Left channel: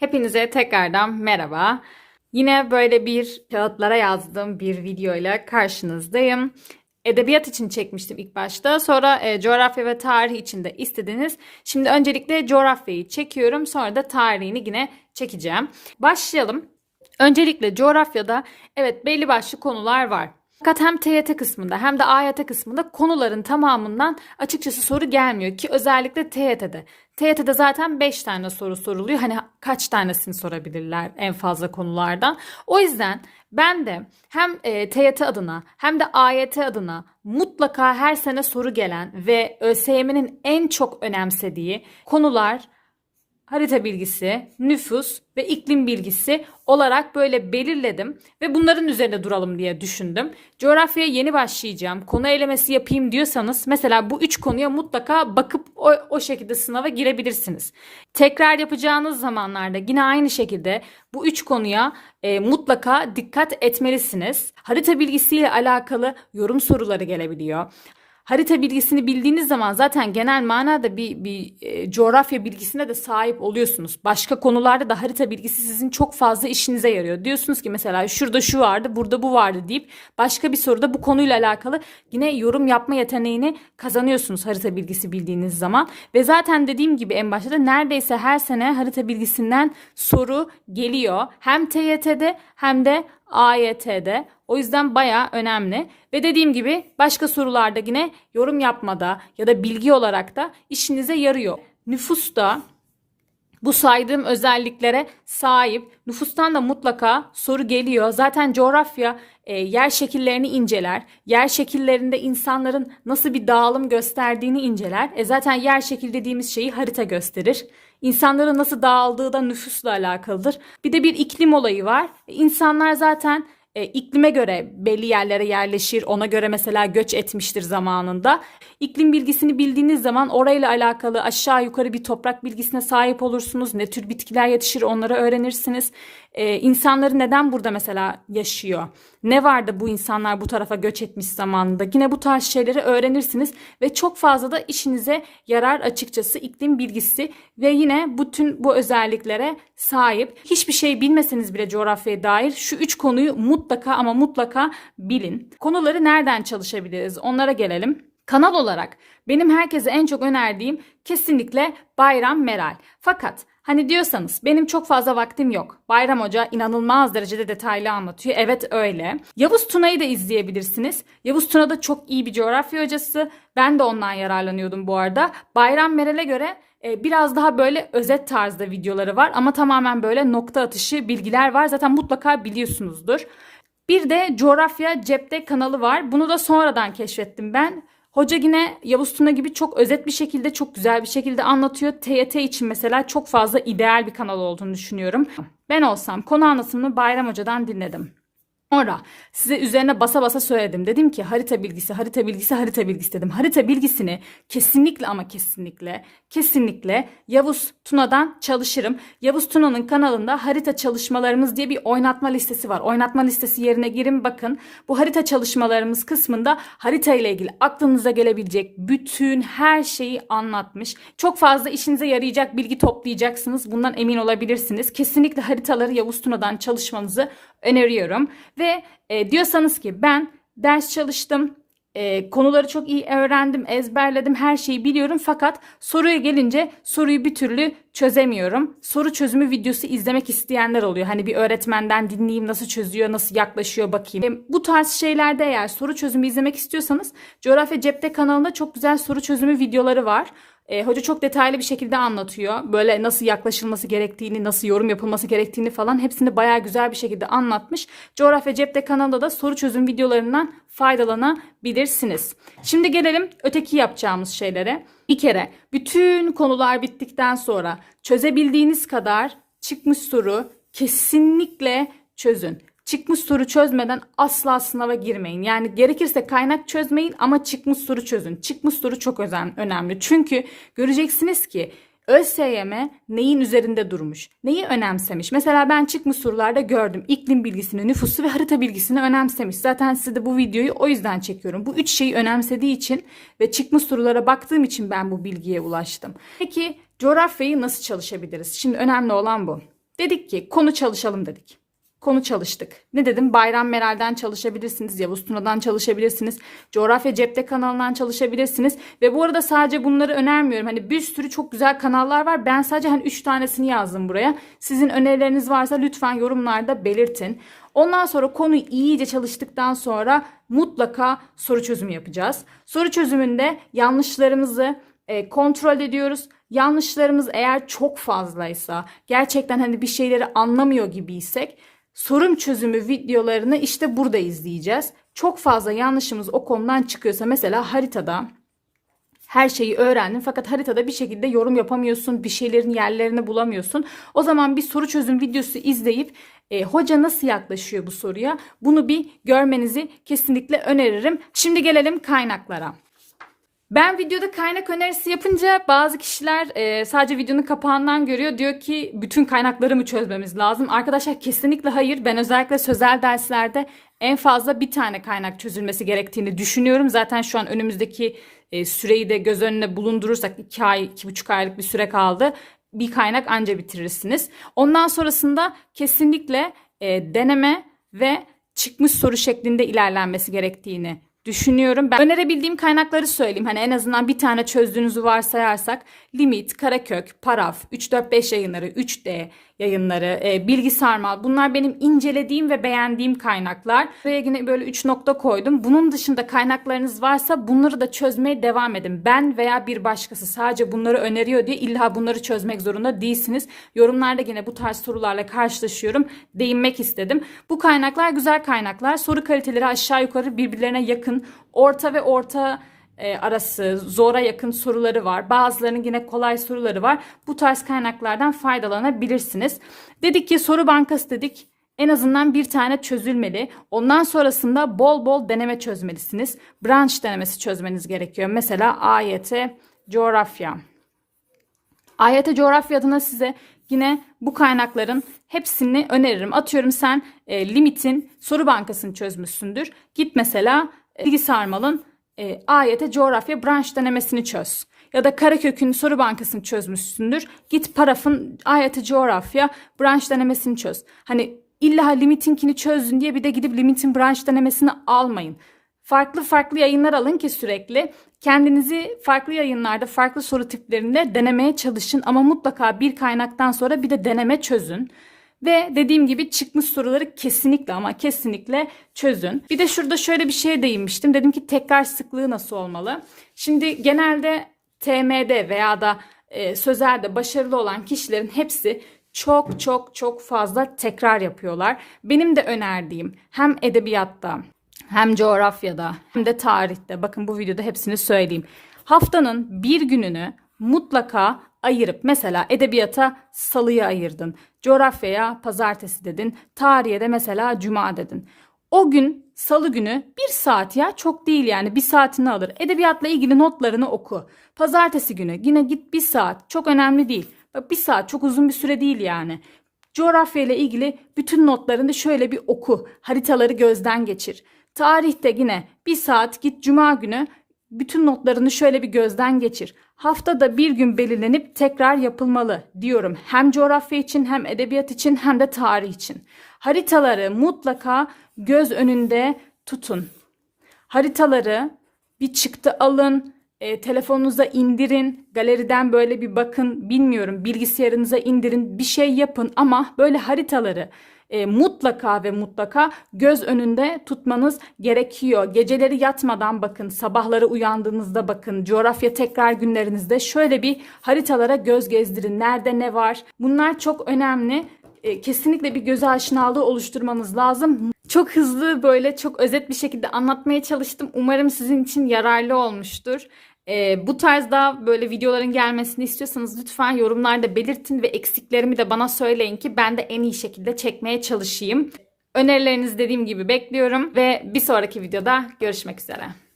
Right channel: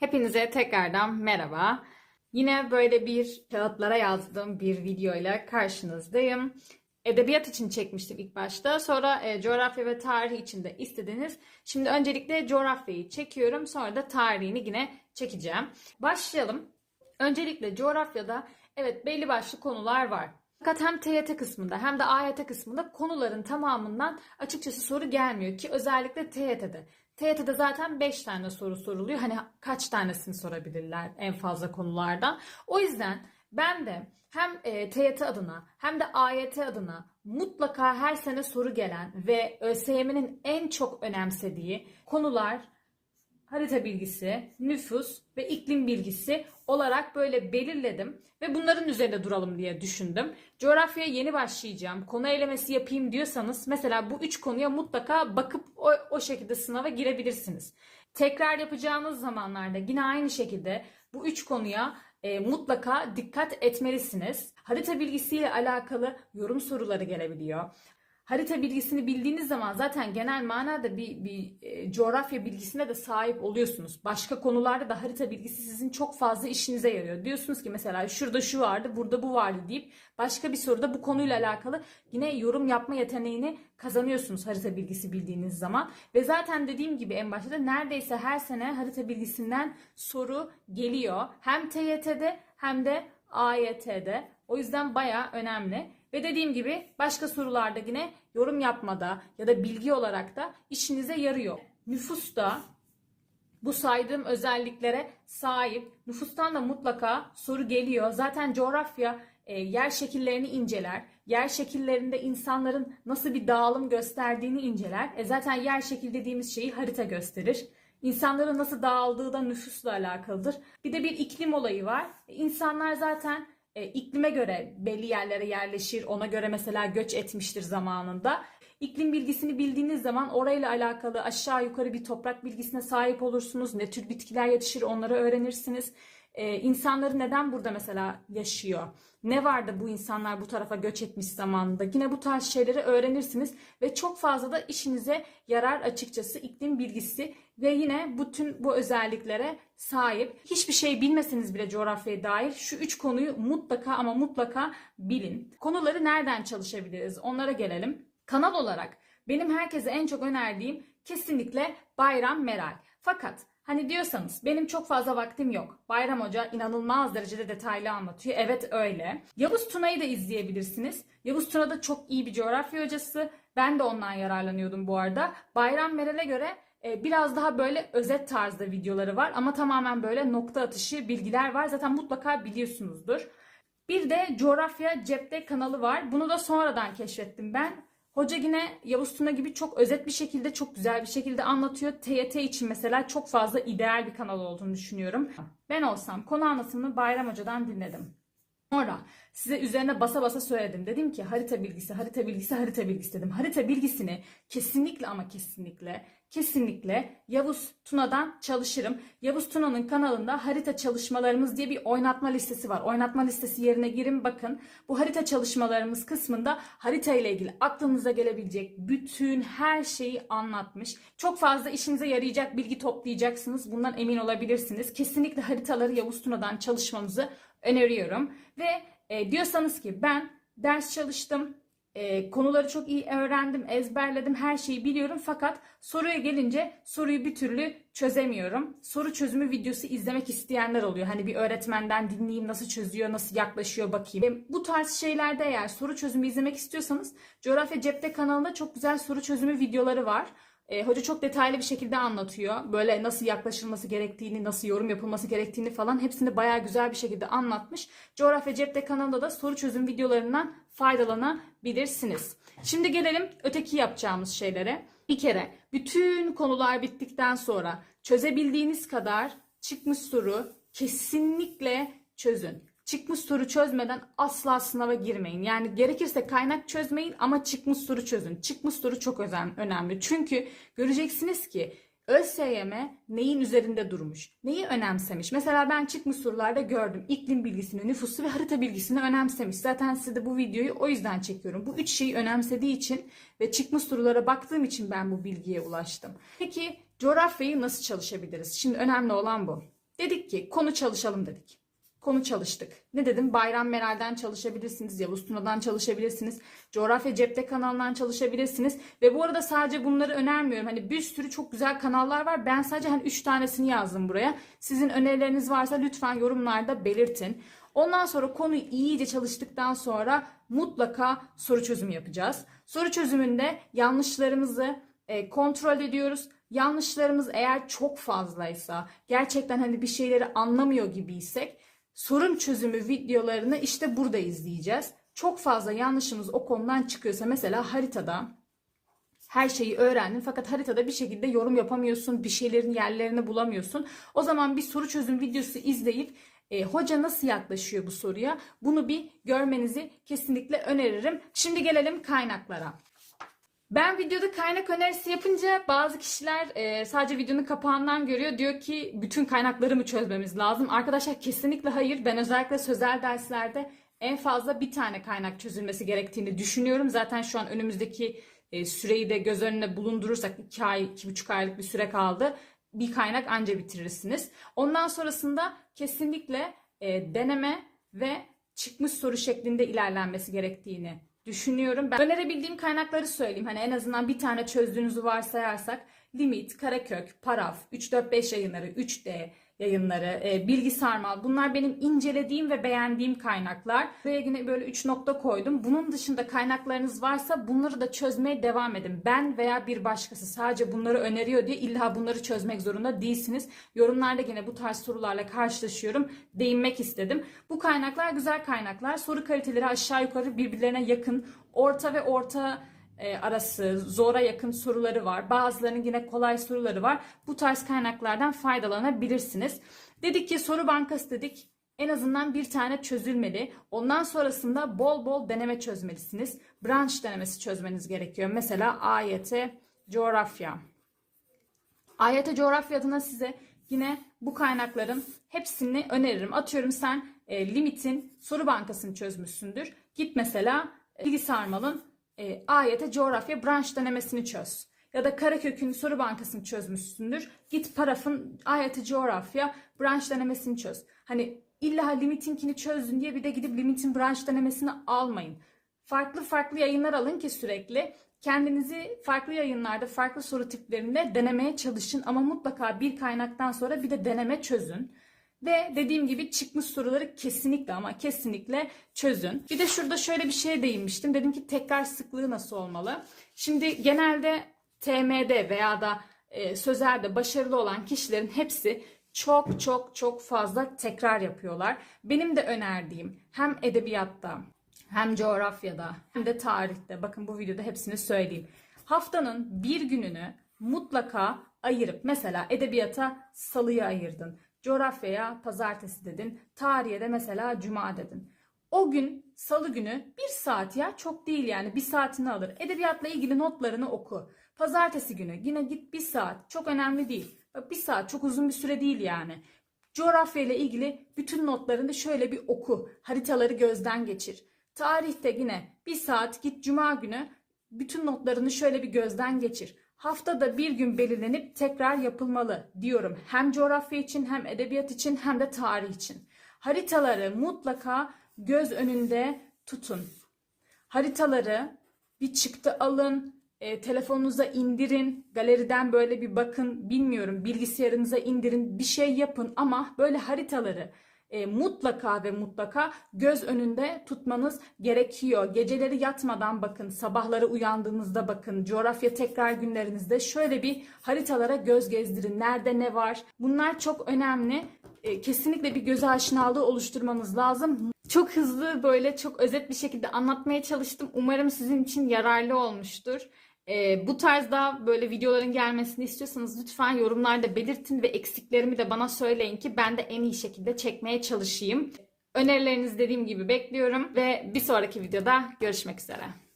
Hepinize tekrardan merhaba. Yine böyle bir kağıtlara yazdığım bir video ile karşınızdayım. Edebiyat için çekmiştim ilk başta. Sonra e, coğrafya ve tarih için de istediniz. Şimdi öncelikle coğrafyayı çekiyorum. Sonra da tarihini yine çekeceğim. Başlayalım. Öncelikle coğrafyada evet belli başlı konular var. Fakat hem TYT kısmında hem de AYT kısmında konuların tamamından açıkçası soru gelmiyor ki özellikle TYT'de. TYT'de zaten 5 tane soru soruluyor. Hani kaç tanesini sorabilirler en fazla konulardan. O yüzden ben de hem e, TYT adına hem de AYT adına mutlaka her sene soru gelen ve ÖSYM'nin en çok önemsediği konular harita bilgisi, nüfus ve iklim bilgisi olarak böyle belirledim ve bunların üzerinde duralım diye düşündüm. Coğrafyaya yeni başlayacağım, konu elemesi yapayım diyorsanız mesela bu üç konuya mutlaka bakıp o, o şekilde sınava girebilirsiniz. Tekrar yapacağınız zamanlarda yine aynı şekilde bu üç konuya e, mutlaka dikkat etmelisiniz. Harita bilgisiyle alakalı yorum soruları gelebiliyor. Harita bilgisini bildiğiniz zaman zaten genel manada bir, bir e, coğrafya bilgisine de sahip oluyorsunuz. Başka konularda da harita bilgisi sizin çok fazla işinize yarıyor. Diyorsunuz ki mesela şurada şu vardı, burada bu vardı deyip başka bir soruda bu konuyla alakalı yine yorum yapma yeteneğini kazanıyorsunuz harita bilgisi bildiğiniz zaman. Ve zaten dediğim gibi en başta da neredeyse her sene harita bilgisinden soru geliyor. Hem TYT'de hem de AYT'de. O yüzden baya önemli. Ve dediğim gibi başka sorularda yine yorum yapmada ya da bilgi olarak da işinize yarıyor. Nüfusta bu saydığım özelliklere sahip. Nüfustan da mutlaka soru geliyor. Zaten coğrafya e, yer şekillerini inceler. Yer şekillerinde insanların nasıl bir dağılım gösterdiğini inceler. E zaten yer şekil dediğimiz şeyi harita gösterir. İnsanların nasıl dağıldığı da nüfusla alakalıdır. Bir de bir iklim olayı var. E, İnsanlar zaten e, iklime göre belli yerlere yerleşir. Ona göre mesela göç etmiştir zamanında. İklim bilgisini bildiğiniz zaman orayla alakalı aşağı yukarı bir toprak bilgisine sahip olursunuz. Ne tür bitkiler yetişir onları öğrenirsiniz. E, insanları neden burada mesela yaşıyor? Ne vardı bu insanlar bu tarafa göç etmiş zamanında? Yine bu tarz şeyleri öğrenirsiniz ve çok fazla da işinize yarar açıkçası iklim bilgisi ve yine bütün bu özelliklere sahip. Hiçbir şey bilmeseniz bile coğrafyaya dair şu üç konuyu mutlaka ama mutlaka bilin. Konuları nereden çalışabiliriz? Onlara gelelim. Kanal olarak benim herkese en çok önerdiğim kesinlikle Bayram Meral. Fakat hani diyorsanız benim çok fazla vaktim yok. Bayram Hoca inanılmaz derecede detaylı anlatıyor. Evet öyle. Yavuz Tuna'yı da izleyebilirsiniz. Yavuz Tuna da çok iyi bir coğrafya hocası. Ben de ondan yararlanıyordum bu arada. Bayram Meral'e göre e, biraz daha böyle özet tarzda videoları var ama tamamen böyle nokta atışı bilgiler var. Zaten mutlaka biliyorsunuzdur. Bir de coğrafya cepte kanalı var. Bunu da sonradan keşfettim ben. Hoca yine Yavuz Tuna gibi çok özet bir şekilde, çok güzel bir şekilde anlatıyor. TYT için mesela çok fazla ideal bir kanal olduğunu düşünüyorum. Ben olsam konu anlatımını Bayram Hoca'dan dinledim. Sonra size üzerine basa basa söyledim. Dedim ki harita bilgisi, harita bilgisi, harita bilgisi dedim. Harita bilgisini kesinlikle ama kesinlikle, kesinlikle Yavuz Tuna'dan çalışırım. Yavuz Tuna'nın kanalında harita çalışmalarımız diye bir oynatma listesi var. Oynatma listesi yerine girin bakın. Bu harita çalışmalarımız kısmında harita ile ilgili aklınıza gelebilecek bütün her şeyi anlatmış. Çok fazla işinize yarayacak bilgi toplayacaksınız. Bundan emin olabilirsiniz. Kesinlikle haritaları Yavuz Tuna'dan çalışmanızı öneriyorum. Ve e, diyorsanız ki ben ders çalıştım, e, konuları çok iyi öğrendim, ezberledim, her şeyi biliyorum fakat soruya gelince soruyu bir türlü çözemiyorum. Soru çözümü videosu izlemek isteyenler oluyor. Hani bir öğretmenden dinleyeyim nasıl çözüyor, nasıl yaklaşıyor bakayım. E, bu tarz şeylerde eğer soru çözümü izlemek istiyorsanız Coğrafya Cepte kanalında çok güzel soru çözümü videoları var. E, hoca çok detaylı bir şekilde anlatıyor. Böyle nasıl yaklaşılması gerektiğini, nasıl yorum yapılması gerektiğini falan hepsini bayağı güzel bir şekilde anlatmış. Coğrafya Cepte kanalında da soru çözüm videolarından faydalanabilirsiniz. Şimdi gelelim öteki yapacağımız şeylere. Bir kere bütün konular bittikten sonra çözebildiğiniz kadar çıkmış soru kesinlikle çözün. Çıkmış soru çözmeden asla sınava girmeyin. Yani gerekirse kaynak çözmeyin ama çıkmış soru çözün. Çıkmış soru çok önemli. Çünkü göreceksiniz ki ÖSYM neyin üzerinde durmuş? Neyi önemsemiş? Mesela ben çıkmış sorularda gördüm. İklim bilgisini, nüfusu ve harita bilgisini önemsemiş. Zaten size de bu videoyu o yüzden çekiyorum. Bu üç şeyi önemsediği için ve çıkmış sorulara baktığım için ben bu bilgiye ulaştım. Peki coğrafyayı nasıl çalışabiliriz? Şimdi önemli olan bu. Dedik ki konu çalışalım dedik. Konu çalıştık. Ne dedim? Bayram Meral'den çalışabilirsiniz, Yavuz Tuna'dan çalışabilirsiniz, Coğrafya Cepte kanalından çalışabilirsiniz. Ve bu arada sadece bunları önermiyorum. Hani bir sürü çok güzel kanallar var. Ben sadece hani 3 tanesini yazdım buraya. Sizin önerileriniz varsa lütfen yorumlarda belirtin. Ondan sonra konuyu iyice çalıştıktan sonra mutlaka soru çözümü yapacağız. Soru çözümünde yanlışlarımızı e, kontrol ediyoruz. Yanlışlarımız eğer çok fazlaysa, gerçekten hani bir şeyleri anlamıyor gibiysek sorum çözümü videolarını işte burada izleyeceğiz. Çok fazla yanlışımız o konudan çıkıyorsa mesela haritada her şeyi öğrendin fakat haritada bir şekilde yorum yapamıyorsun, bir şeylerin yerlerini bulamıyorsun. O zaman bir soru çözüm videosu izleyip e, hoca nasıl yaklaşıyor bu soruya bunu bir görmenizi kesinlikle öneririm. Şimdi gelelim kaynaklara. Ben videoda kaynak önerisi yapınca bazı kişiler e, sadece videonun kapağından görüyor. Diyor ki bütün kaynakları mı çözmemiz lazım? Arkadaşlar kesinlikle hayır. Ben özellikle sözel derslerde en fazla bir tane kaynak çözülmesi gerektiğini düşünüyorum. Zaten şu an önümüzdeki e, süreyi de göz önüne bulundurursak 2 ay, 2,5 aylık bir süre kaldı. Bir kaynak anca bitirirsiniz. Ondan sonrasında kesinlikle e, deneme ve çıkmış soru şeklinde ilerlenmesi gerektiğini düşünüyorum. Ben önerebildiğim kaynakları söyleyeyim. Hani en azından bir tane çözdüğünüzü varsayarsak Limit, Karakök, Paraf, 345 yayınları, 3D yayınları, e, Bilgi Sarmal bunlar benim incelediğim ve beğendiğim kaynaklar. Buraya yine böyle 3 nokta koydum. Bunun dışında kaynaklarınız varsa bunları da çözmeye devam edin. Ben veya bir başkası sadece bunları öneriyor diye illa bunları çözmek zorunda değilsiniz. Yorumlarda yine bu tarz sorularla karşılaşıyorum. Değinmek istedim. Bu kaynaklar güzel kaynaklar. Soru kaliteleri aşağı yukarı birbirlerine yakın. Orta ve orta e, arası zora yakın soruları var. Bazılarının yine kolay soruları var. Bu tarz kaynaklardan faydalanabilirsiniz. Dedik ki soru bankası dedik. En azından bir tane çözülmeli. Ondan sonrasında bol bol deneme çözmelisiniz. Branş denemesi çözmeniz gerekiyor. Mesela AYT coğrafya. AYT coğrafya adına size yine bu kaynakların hepsini öneririm. Atıyorum sen e, limitin soru bankasını çözmüşsündür. Git mesela e, bilgi sarmalın e, AYT coğrafya branş denemesini çöz. Ya da Karakök'ün soru bankasını çözmüşsündür. Git parafın AYT coğrafya branş denemesini çöz. Hani illa limitinkini çözdün diye bir de gidip limitin branş denemesini almayın. Farklı farklı yayınlar alın ki sürekli kendinizi farklı yayınlarda farklı soru tiplerinde denemeye çalışın ama mutlaka bir kaynaktan sonra bir de deneme çözün. Ve dediğim gibi çıkmış soruları kesinlikle ama kesinlikle çözün. Bir de şurada şöyle bir şeye değinmiştim. Dedim ki tekrar sıklığı nasıl olmalı? Şimdi genelde TM'de veya da e, sözelde başarılı olan kişilerin hepsi çok çok çok fazla tekrar yapıyorlar. Benim de önerdiğim hem edebiyatta hem coğrafyada hem de tarihte bakın bu videoda hepsini söyleyeyim. Haftanın bir gününü mutlaka ayırıp mesela edebiyata salıyı ayırdın. Coğrafyaya pazartesi dedin. Tarihe de mesela cuma dedin. O gün salı günü bir saat ya çok değil yani bir saatini alır. Edebiyatla ilgili notlarını oku. Pazartesi günü yine git bir saat çok önemli değil. Bak bir saat çok uzun bir süre değil yani. Coğrafya ile ilgili bütün notlarını şöyle bir oku. Haritaları gözden geçir. Tarihte yine bir saat git cuma günü bütün notlarını şöyle bir gözden geçir. Haftada bir gün belirlenip tekrar yapılmalı diyorum. Hem coğrafya için hem edebiyat için hem de tarih için. Haritaları mutlaka göz önünde tutun. Haritaları bir çıktı alın, e, telefonunuza indirin, galeriden böyle bir bakın, bilmiyorum bilgisayarınıza indirin, bir şey yapın ama böyle haritaları e, mutlaka ve mutlaka göz önünde tutmanız gerekiyor. Geceleri yatmadan bakın, sabahları uyandığınızda bakın, coğrafya tekrar günlerinizde şöyle bir haritalara göz gezdirin. Nerede ne var? Bunlar çok önemli. E, kesinlikle bir göz aşinalığı oluşturmanız lazım. Çok hızlı böyle çok özet bir şekilde anlatmaya çalıştım. Umarım sizin için yararlı olmuştur. Ee, bu tarzda böyle videoların gelmesini istiyorsanız lütfen yorumlarda belirtin ve eksiklerimi de bana söyleyin ki ben de en iyi şekilde çekmeye çalışayım. Önerilerinizi dediğim gibi bekliyorum ve bir sonraki videoda görüşmek üzere.